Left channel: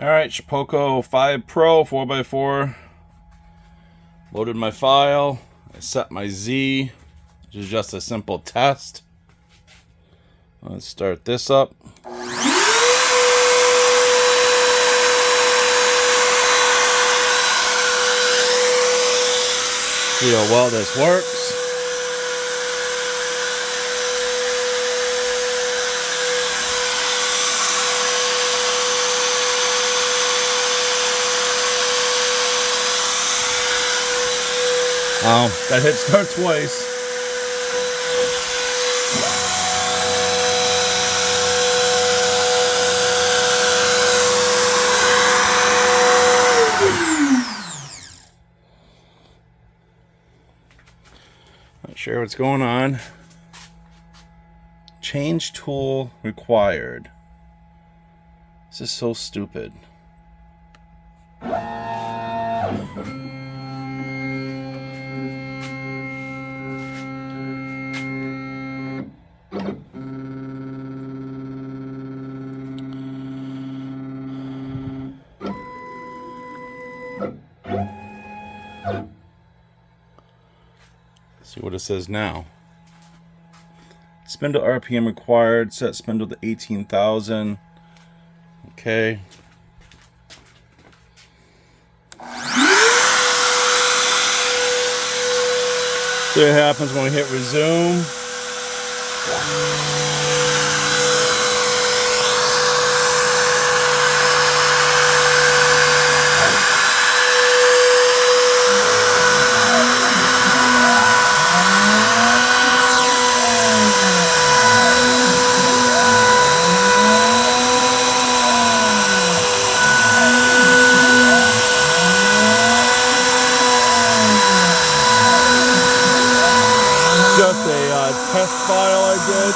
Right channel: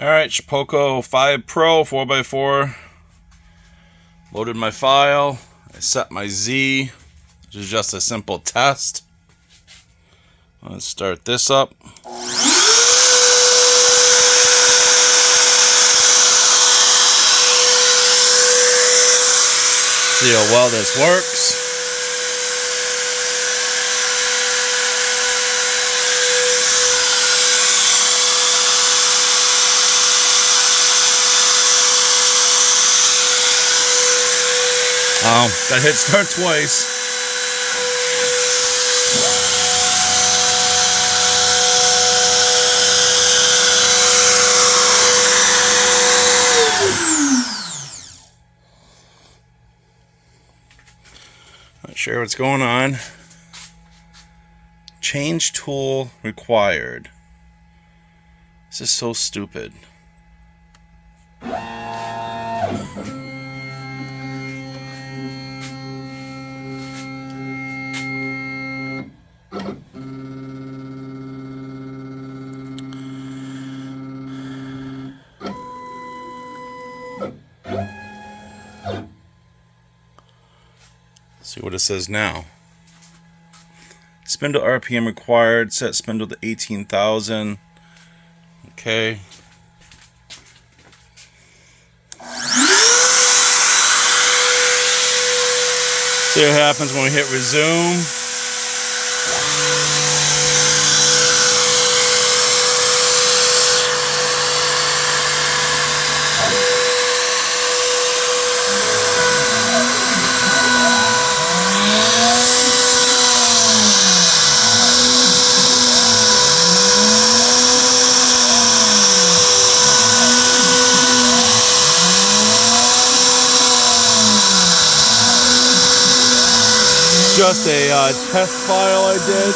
Alright, Shapeoko 5 Pro 4x4. Loaded my file. I set my Z, which is just a simple test. Let's start this up. See how well this works. Got hit start twice. Not sure what's going on. Change tool required. This is so stupid. See what it says now. Spindle RPM required. Set spindle to 18,000. Okay. See what happens when we hit resume. Just a test file I did.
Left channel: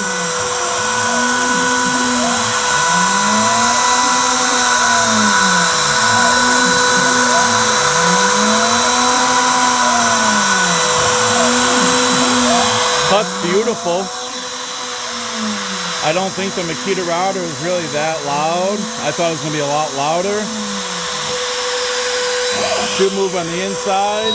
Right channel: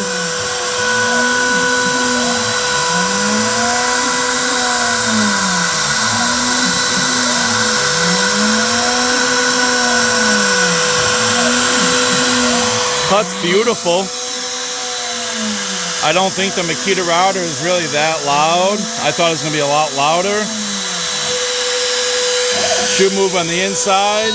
That's beautiful. I don't think the Makita router is really that loud. I thought it was going to be a lot louder. Should move on the inside.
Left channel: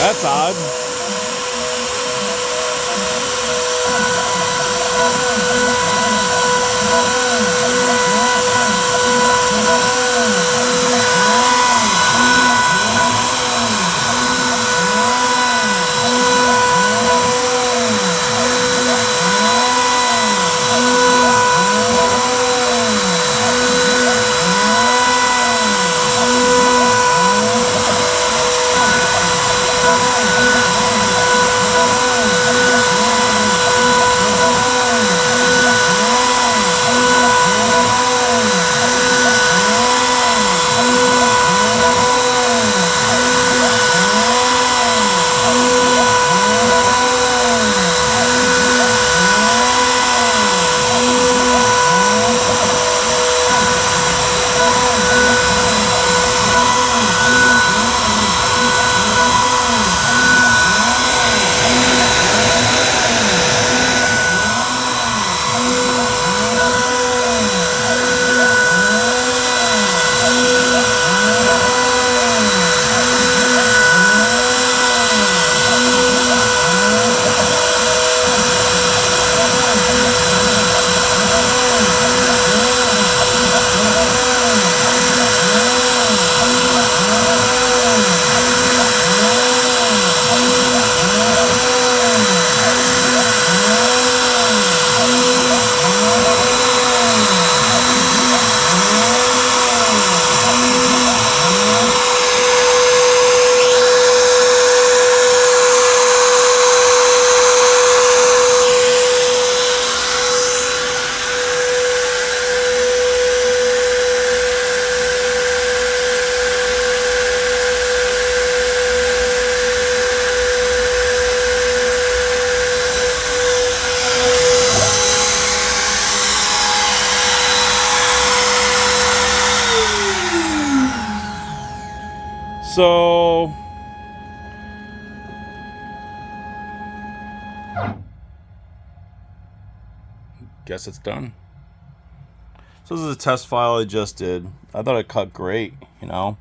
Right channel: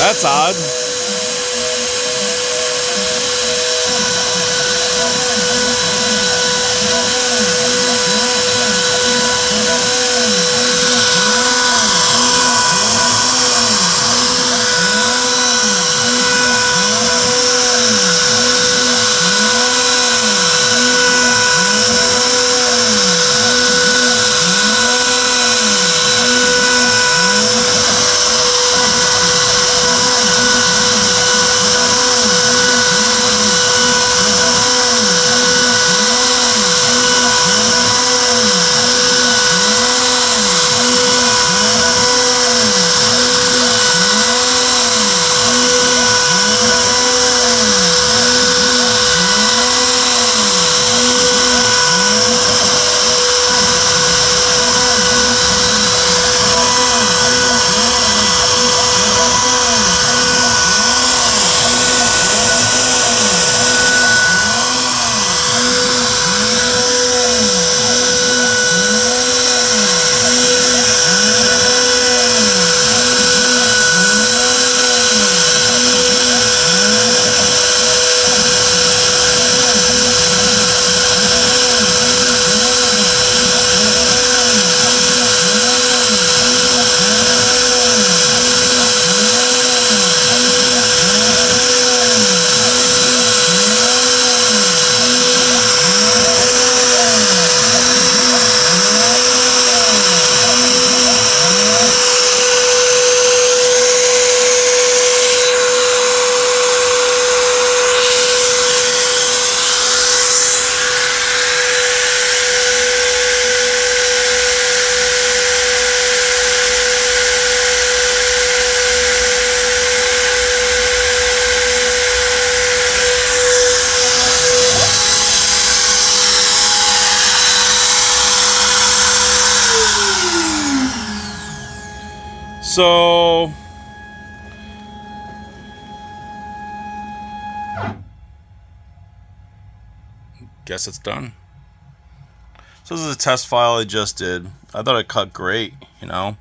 That's odd. So guess it's done. So this is a test file I just did. I thought it cut great, you know.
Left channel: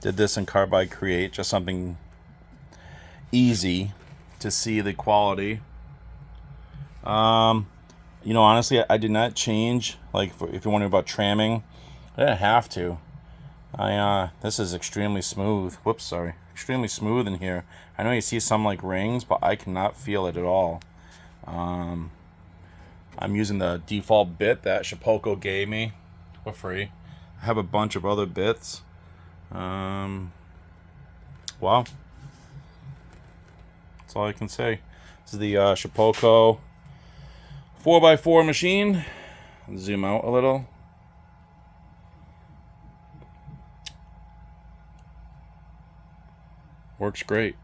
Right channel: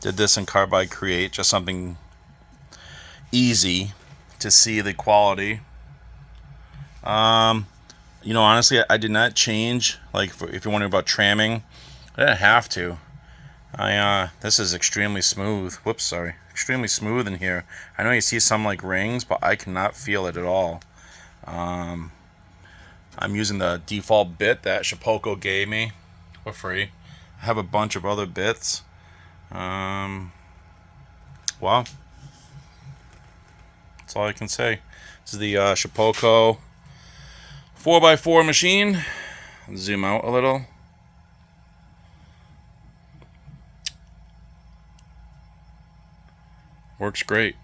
Did this in Carbide Create, just something easy to see the quality. You know, honestly, I did not change. Like, if you're wondering about tramming, I didn't have to. This is extremely smooth. Whoops, sorry. Extremely smooth in here. I know you see some like rings, but I cannot feel it at all. I'm using the default bit that Shapeoko gave me for free. I have a bunch of other bits. Wow. That's all I can say. This is the Shapeoko 4x4 machine. Zoom out a little. Works great.